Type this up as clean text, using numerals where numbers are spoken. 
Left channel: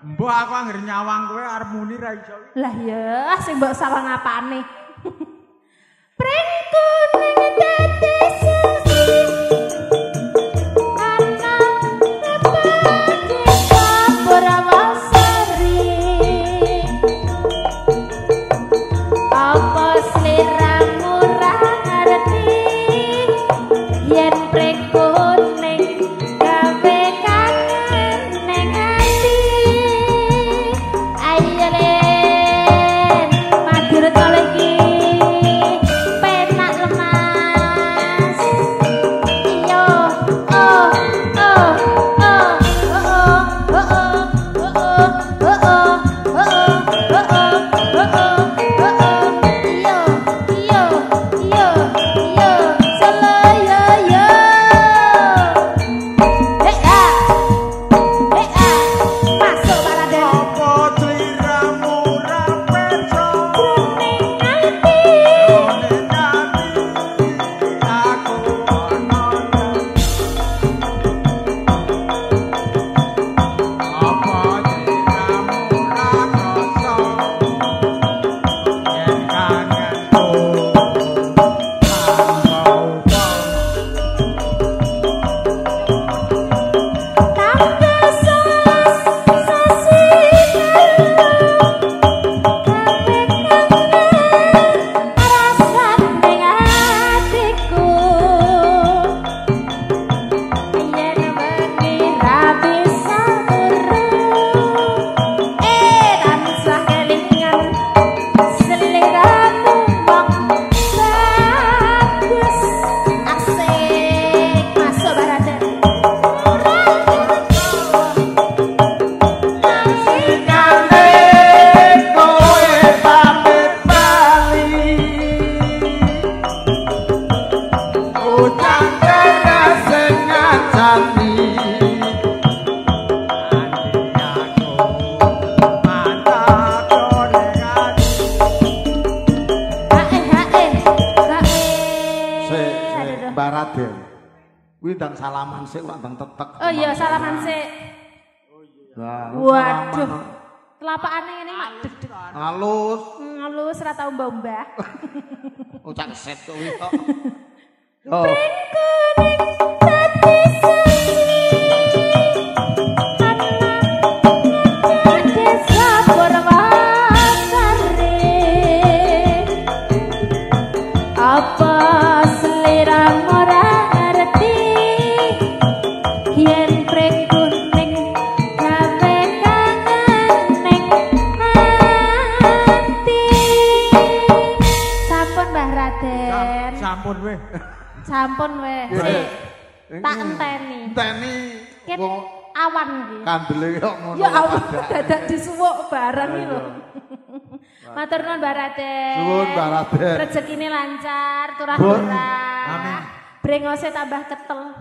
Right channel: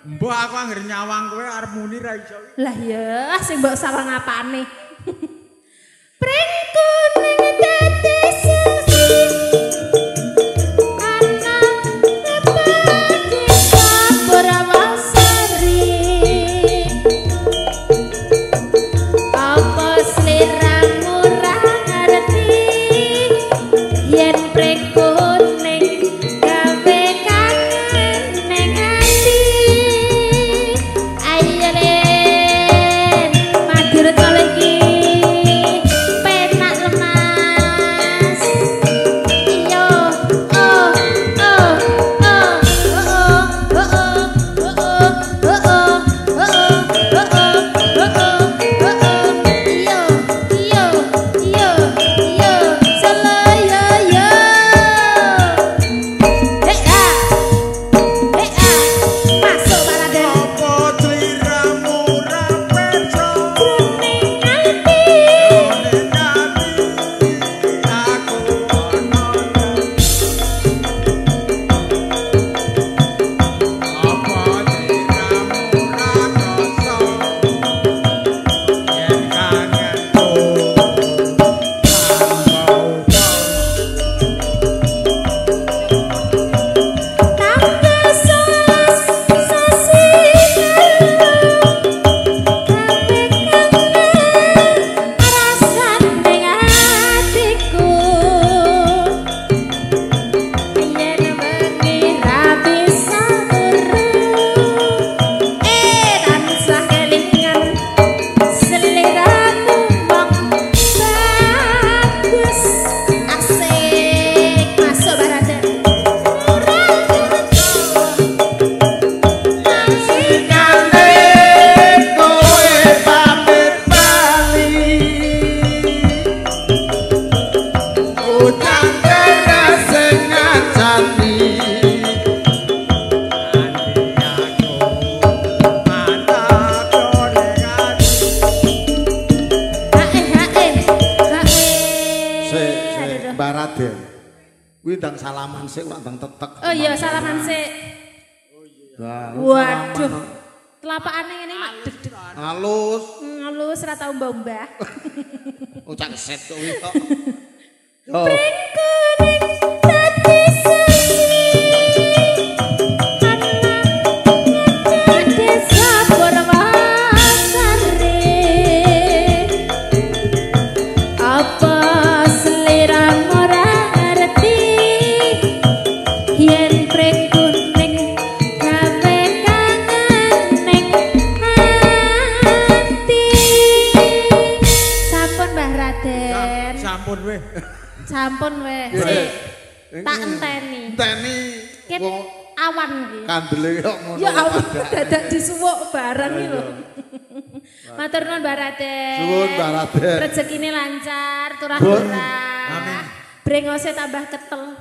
Mbok aku anggere nyawang kowe arep muni ra iso. Lah ya, sing mbok sawang apane? Prengko ning dadi suci. Ana apa desa Purwasari. Apa sliramu ra ngerti yen prengko Dan salaman sik Pak dan tetek. Oh iya salaman sik. Waduh. Telapakane ini halus. Halus ora tau mbah-mbah. Ucap set kuwi kok. Oh. Sampun weh. Sik. Tak enteni. Enteni. Ken awan iki. Kandele kok ngono. Ya Allah, dadak disuwuk barang iki lho. Matur nuwun Mbak Raden. Nuwun Mbak Raden. Rezekine lancar, turah-turah. Amin. Brengose tambah ketel.